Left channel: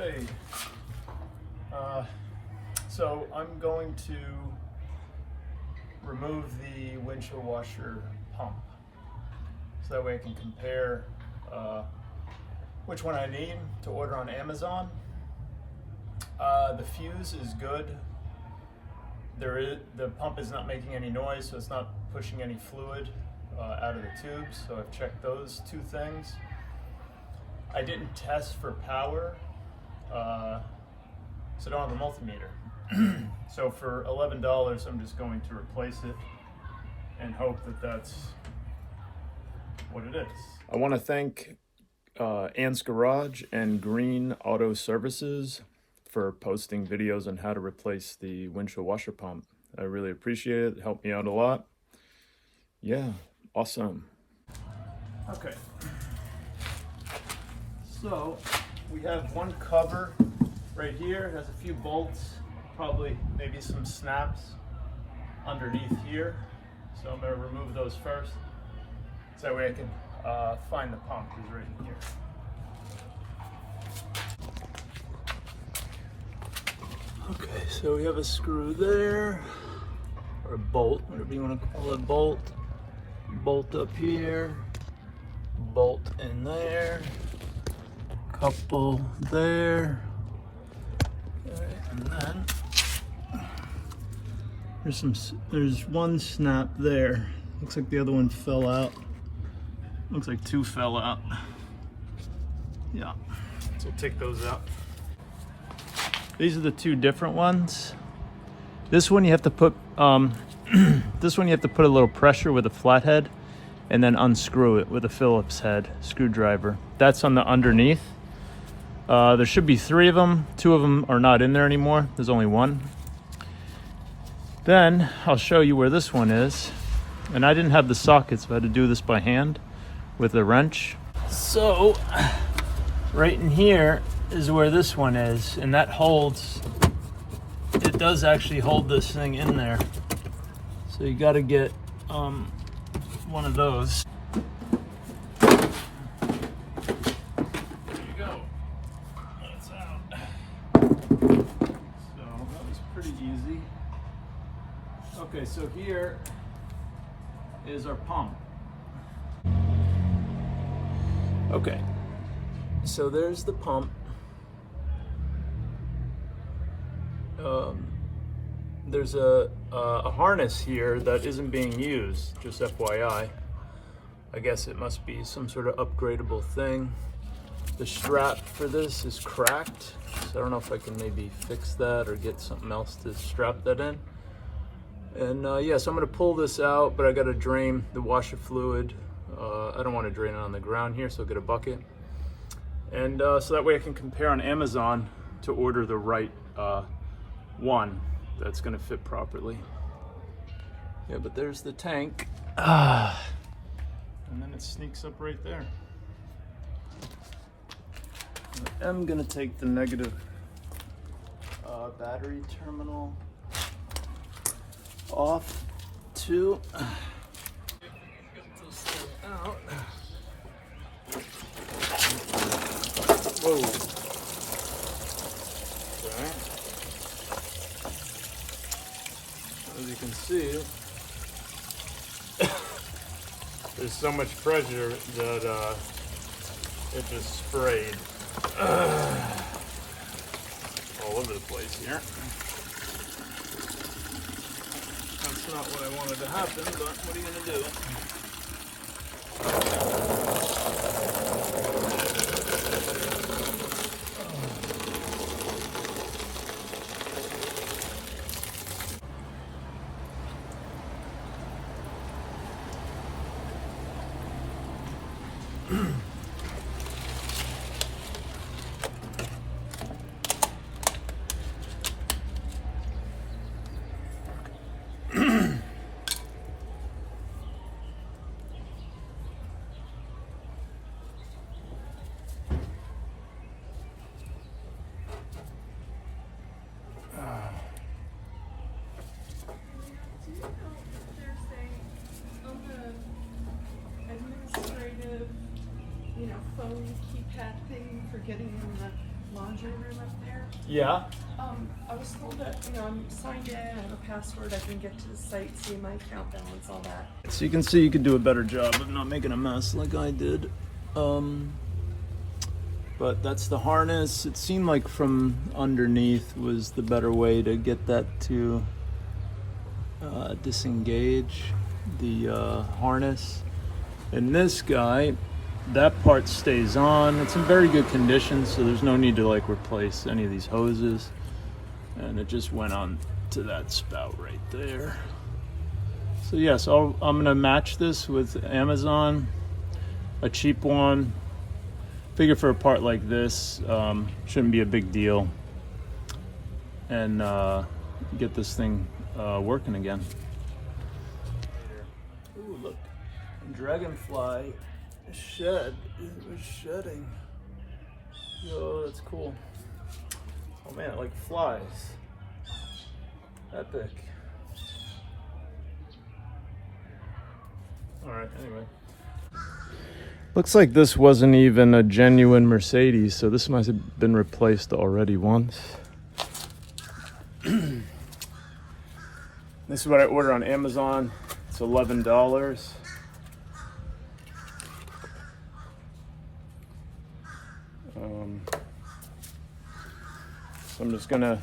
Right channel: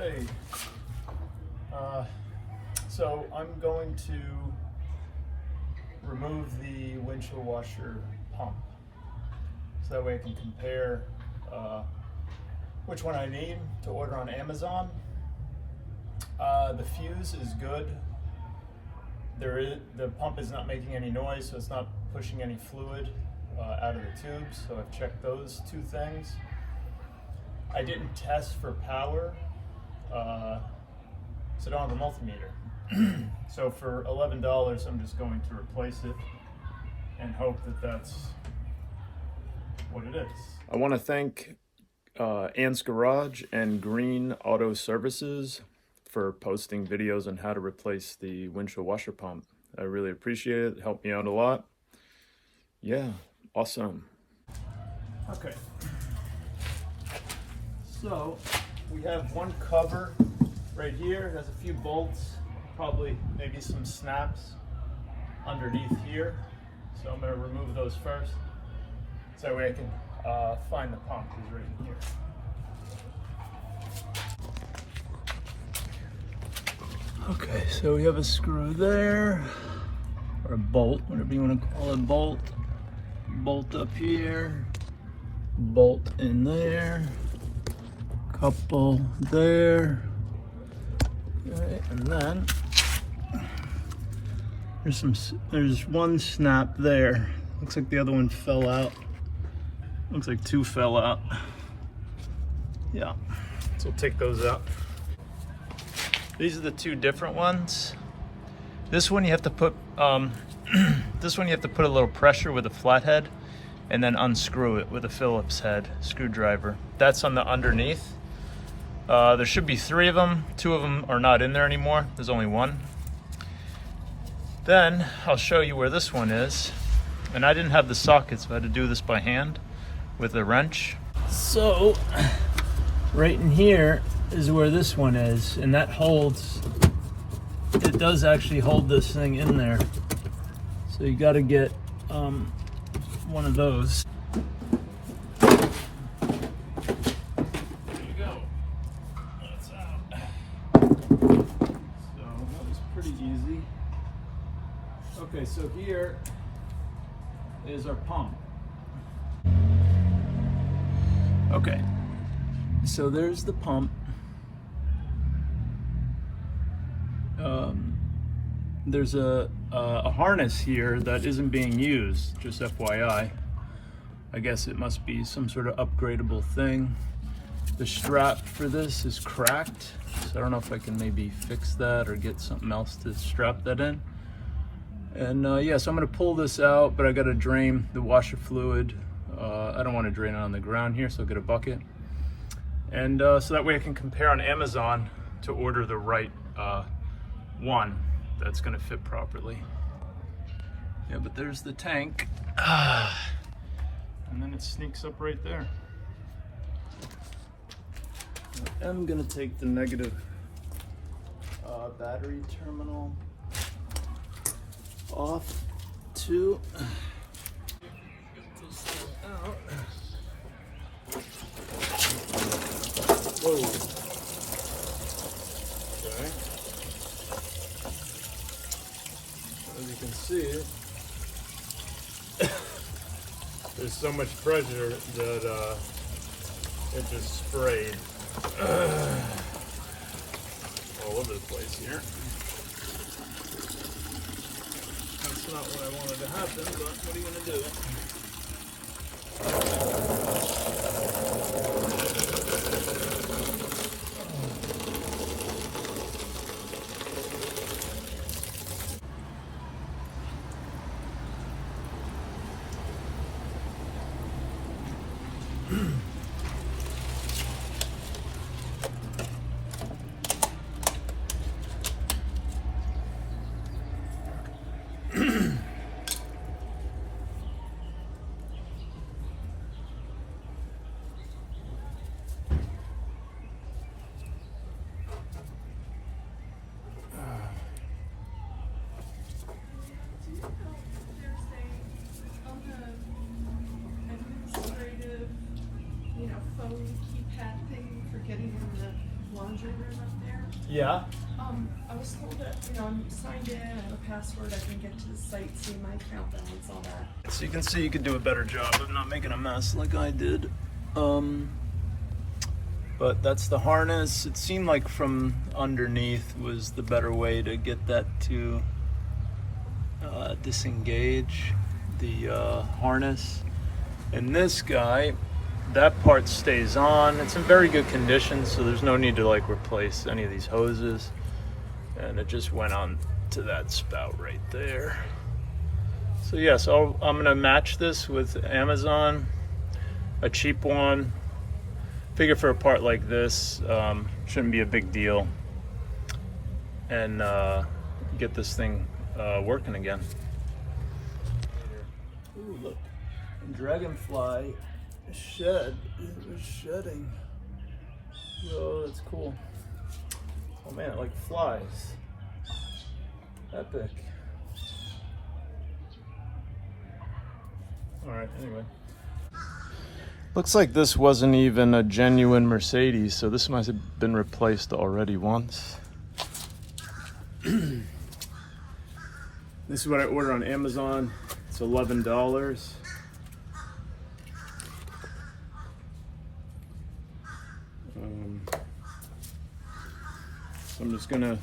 Okay, so I'm going to remove the windshield washer pump, so that way I can compare which one I need to order on Amazon. The fuse is good. The pump is not making any noise, so it's not pushing any fluid out of the tubes, so I've checked those two things. I didn't test for power, so I don't have a multimeter. So for $11, I'm just going to replace it and hope that that's what it is. I want to thank Ant's Garage and Green Auto Services for posting videos on how to replace the windshield washer pump. I really appreciate it. It helped me out a lot. Yeah, awesome. Okay. So we have one cover right here. It has a few bolts, probably maybe some snaps underneath here. So I'm going to remove those first, so that way I can find the pump. Is right in here. Okay, so we have a screw there, or a bolt, whatever you want to call it. Bolt up here, bolt in there, couple there, okay, and then there's one snap there. Looks like the other one fell out. Looks like two fell out. Yeah, so we'll take those out. These are the two different ones. This one you have to put this one you have to put a little pressure with a flathead and then unscrew it with a Phillips head screwdriver. That's on the underneath. There should be 3 of them. 2 of them are not in there anymore. There's only one. Then I'll show you where this one is. And I didn't have the socket, so I had to do this by hand with a wrench. So right in here is where this one is, and that holds, it does actually hold this thing in there. So you got to get one of those. There you go. That's out. So that was pretty easy. Okay, so here is our pump. Okay, so there's the pump. There's a harness here that isn't being used, just FYI. I guess it must be some sort of upgradable thing. The strap for this is cracked, so I don't know if I can maybe fix that or get something else to strap that in. And yeah, so I'm gonna pull this out, but I gotta drain the washer fluid. I don't want to drain it on the ground here, so I'll get a bucket. And so that way I can compare on Amazon to order the right one that's gonna fit properly. Yeah, but there's the tank. And then it sneaks up right there. I'm gonna take the negative battery terminal off too. Out. Whoa. As you can see, there's so much pressure that it just sprayed all over the place here. That's not what I wanted to happen, but what are you gonna do? Phone keypad thing for getting on the laundry room up there. Yeah. I was told that, I'm signed in, I have a password, I can get to the site, see my account balance, all that. So you can see you could do a better job of not making a mess like I did. But that's the harness. It seemed like from underneath was the better way to get that to disengage the harness. And this guy, that part stays on. It's in very good condition, so there's no need to like replace any of these hoses. And it just went on to that spout right there. So yes, I'm gonna match this with Amazon, a cheap one. Figure for a part like this, shouldn't be a big deal. And get this thing working again. Ooh, look, dragonfly shed. It was shedding. Whoa, that's cool. Oh man, it like flies. Epic. Alright, anyway. Looks like this wasn't even a genuine Mercedes, so this must have been replaced already once. This is what I ordered on Amazon. It's $11. So I'm just gonna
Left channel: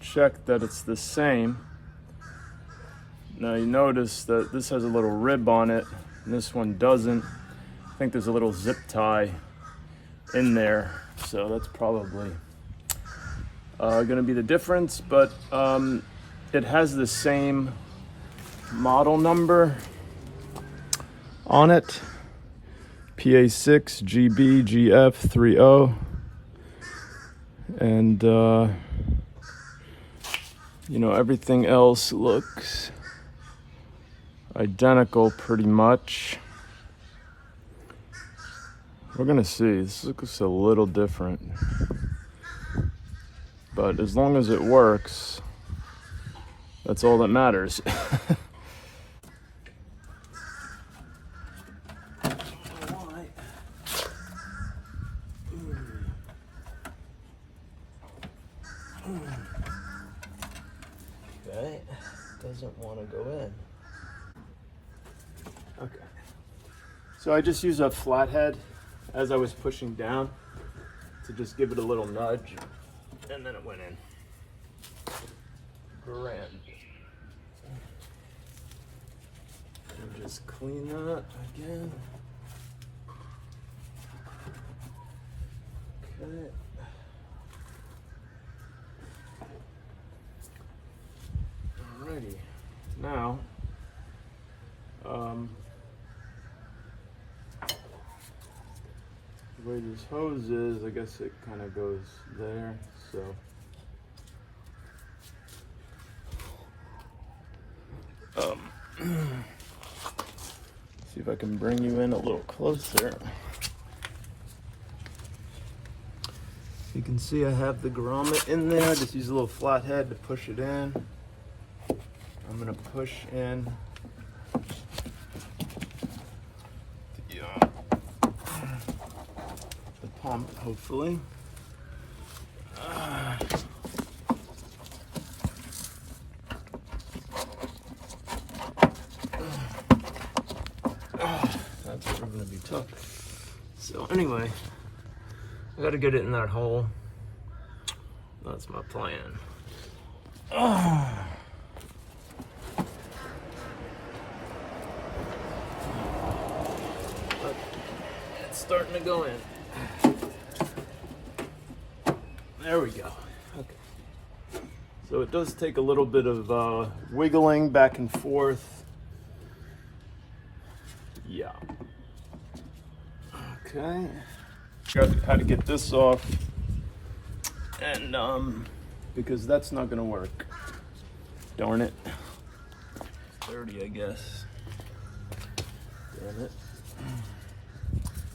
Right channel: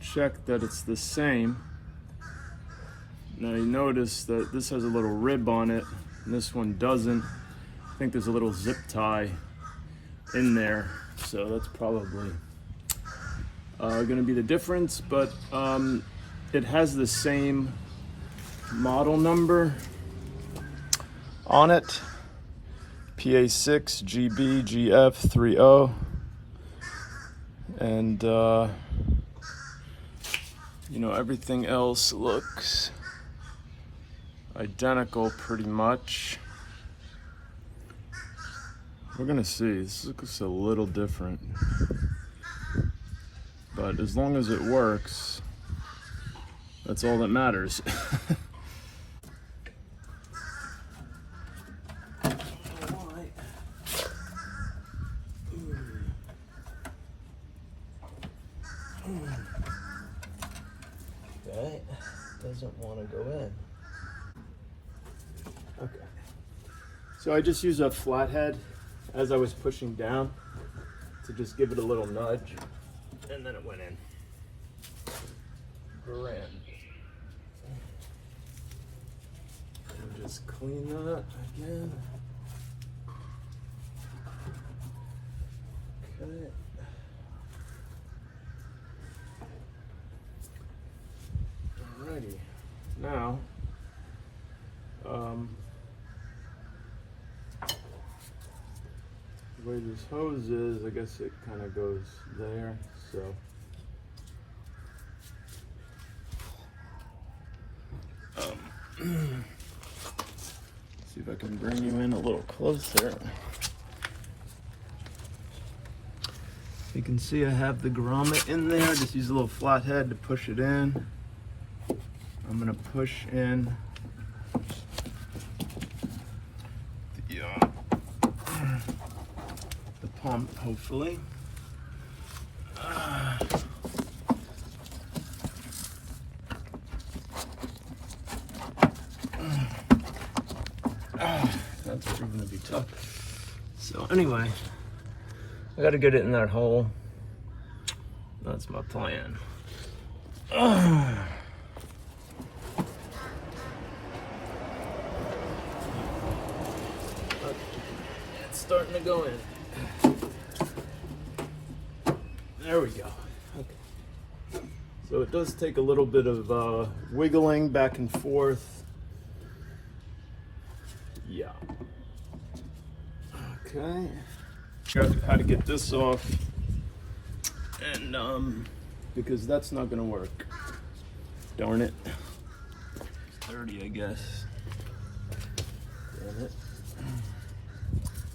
check that it's the same. Now you notice that this has a little rib on it, and this one doesn't. I think there's a little zip tie in there, so that's probably gonna be the difference, but it has the same model number on it, PA6 GBGF30, and you know, everything else looks identical pretty much. We're gonna see. This looks a little different, but as long as it works, that's all that matters. Okay, doesn't want to go in. Okay, so I just used a flathead as I was pushing down to just give it a little nudge, and then it went in. Grand. And just clean that again. Okay. Alrighty. Now, the way this hose is, I guess it kind of goes there, so. See if I can bring you in a little closer. You can see I have the grommet in there. Just use a little flathead to push it in. I'm gonna push in the pump, hopefully. That's going to be tough. So anyway, I got to get it in that hole. That's my plan. Oh. It's starting to go in. There we go. Okay. So it does take a little bit of wiggling back and forth. Yeah. Okay. Had to get this off, and because that's not gonna work. Darn it. It's dirty, I guess. Damn it.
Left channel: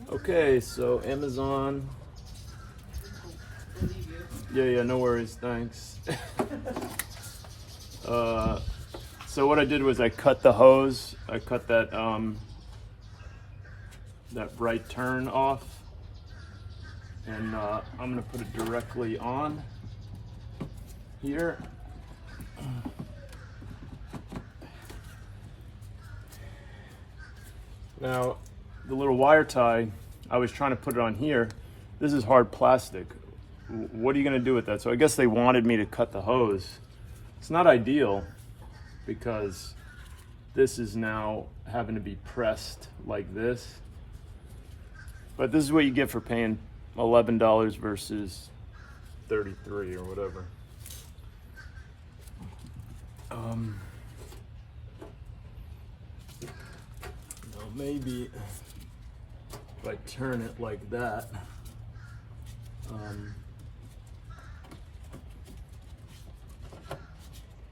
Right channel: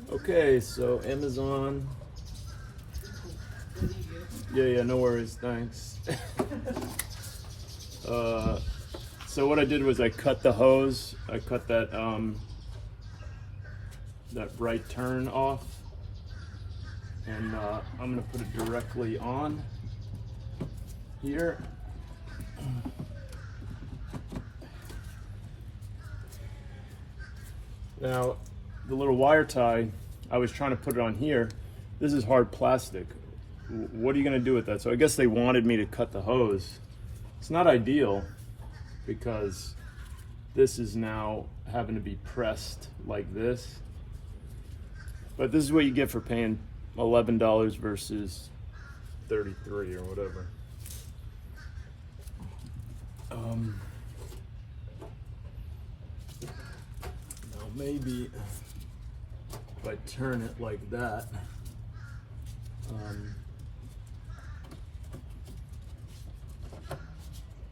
Okay, so Amazon. Yeah, no worries, thanks. So what I did was I cut the hose. I cut that that right turn off, and I'm gonna put it directly on here. Now, the little wire tie, I was trying to put it on here. This is hard plastic. What are you gonna do with that? So I guess they wanted me to cut the hose. It's not ideal because this is now having to be pressed like this. But this is what you get for paying $11 versus $33 or whatever. Now maybe if I turn it like that,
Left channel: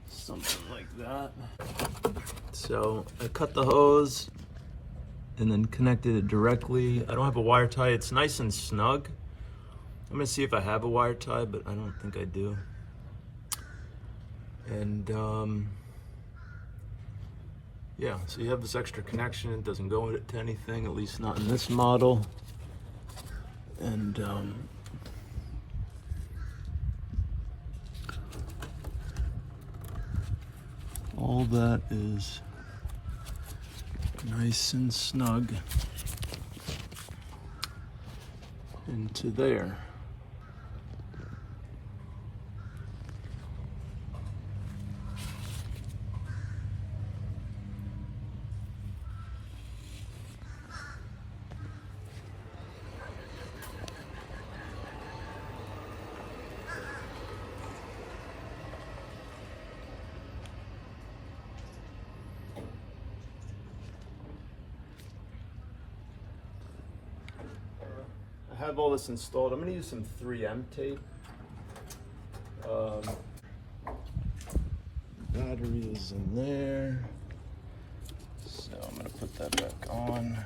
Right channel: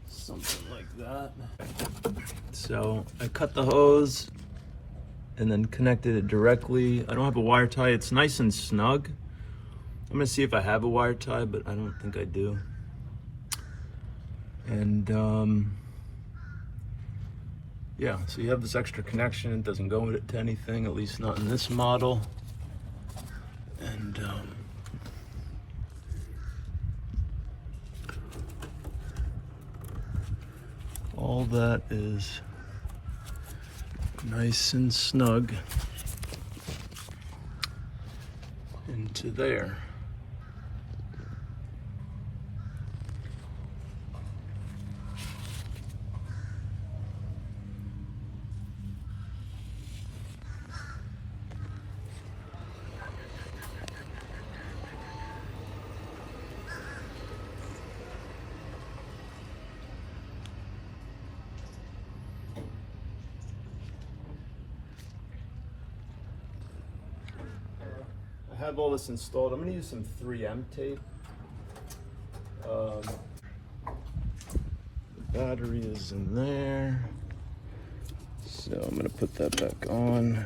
something like that. So I cut the hose and then connected it directly. I don't have a wire tie. It's nice and snug. I'm gonna see if I have a wire tie, but I don't think I do. And yeah, so you have this extra connection. It doesn't go to anything, at least not in this model. And all that is nice and snug into there. I have all this installed. I'm going to use some 3M tape. Battery is in there. So I'm going to put that back on.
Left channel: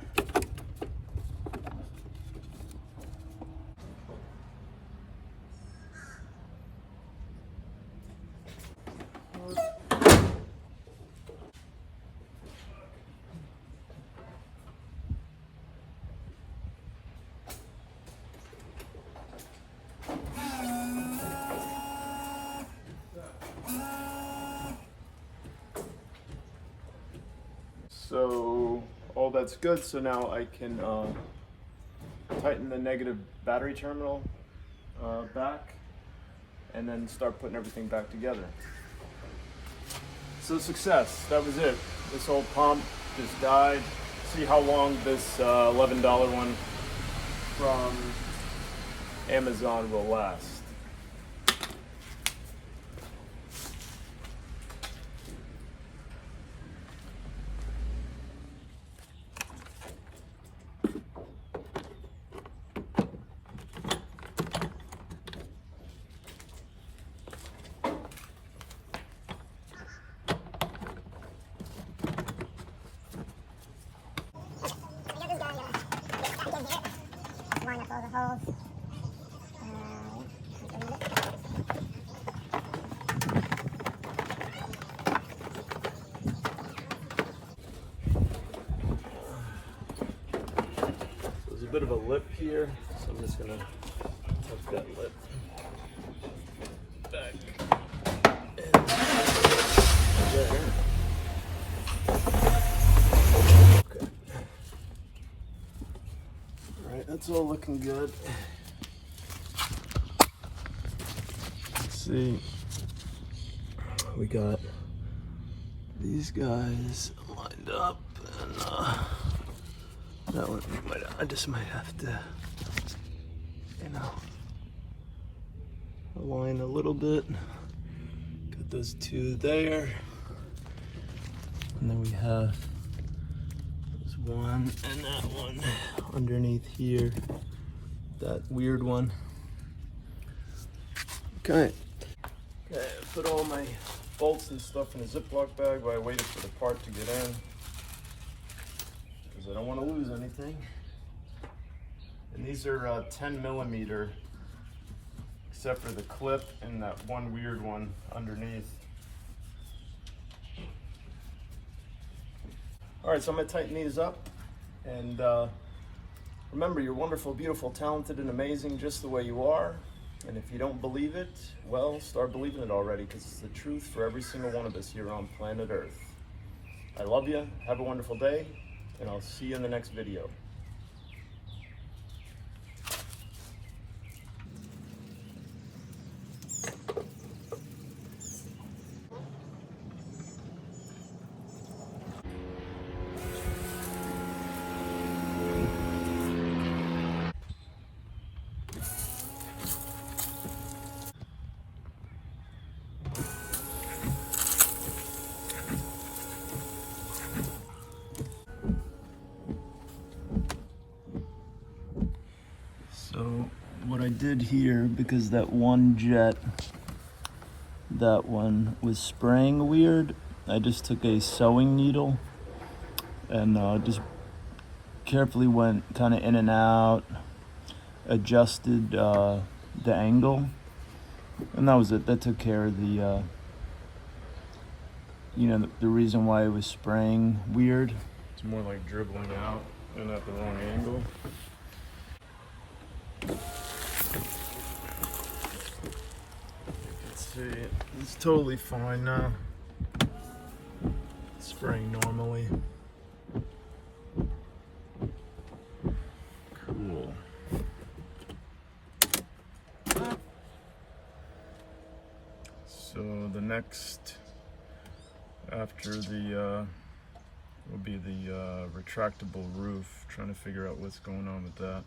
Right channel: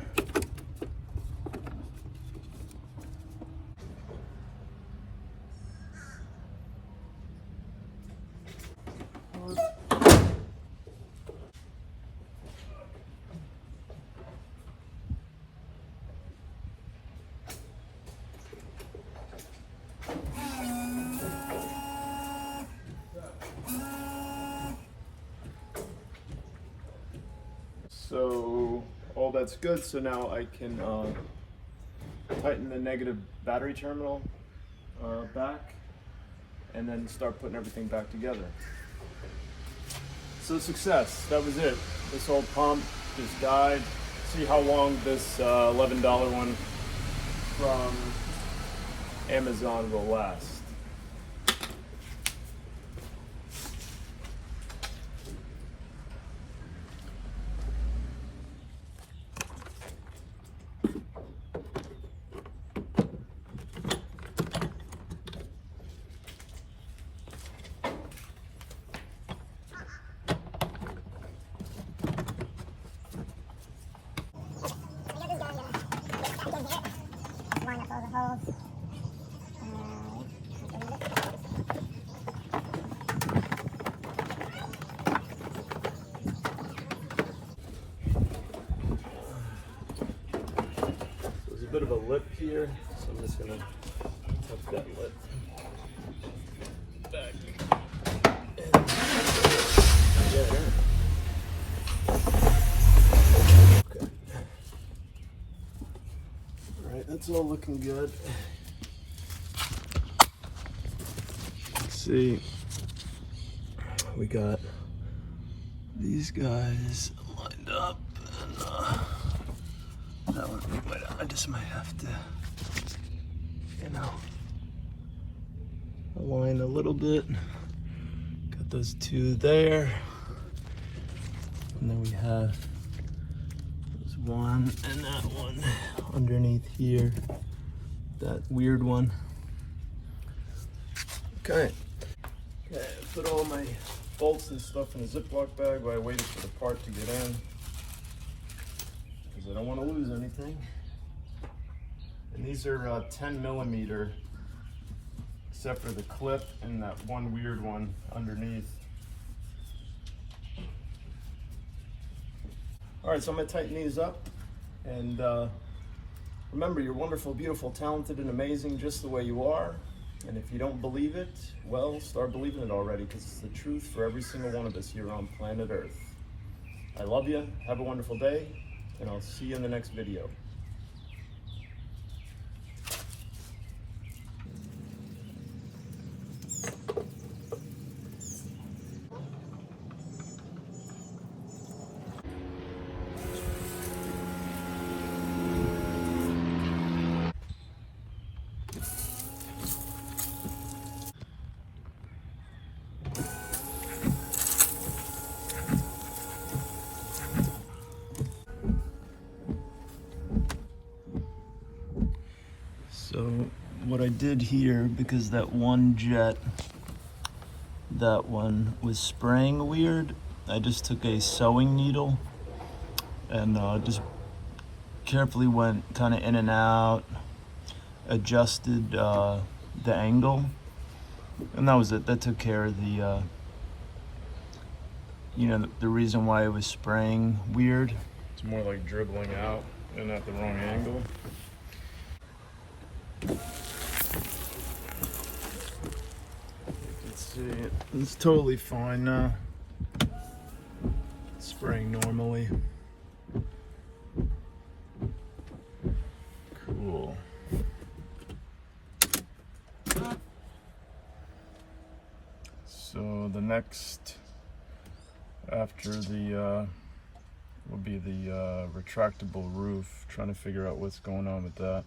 So all that's good. So now I can tighten the negative battery terminal back and then start putting everything back together. So success, that was it. This old pump just died. See how long this $11 one from Amazon will last. Line up all the holes. There's a bit of a lip here, so I'm just gonna tuck that lip back in there. Okay. All right, that's all looking good. Let's see. We got these guys lined up, and that one, I just might have to, align a little bit. Got those two there, and then we have this one and that one underneath here, that weird one. Okay, I put all my bolts and stuff in a Ziploc bag while I waited for the part to get in, because I don't want to lose anything. And these are 10 millimeter, except for the clip and that one weird one underneath. All right, so I'm gonna tighten these up and Remember, you're wonderful, beautiful, talented, and amazing just the way you are. And if you don't believe it, well, start believing it already, because it's the truth for every single one of us here on planet Earth. I love you. Have a wonderful day, and I'll see you in the next video. So what I did here, because that one jet, that one was spraying weird, I just took a sewing needle and just carefully went kind of in and out, adjusted the angle, and that was it. That took care of the, the reason why it was spraying weird. It's more like dribbling out and at the wrong angle. Let's see, it's totally fine now. Spraying normally. Cool. So the next after the will be the retractable roof, trying to figure out what's going on with that.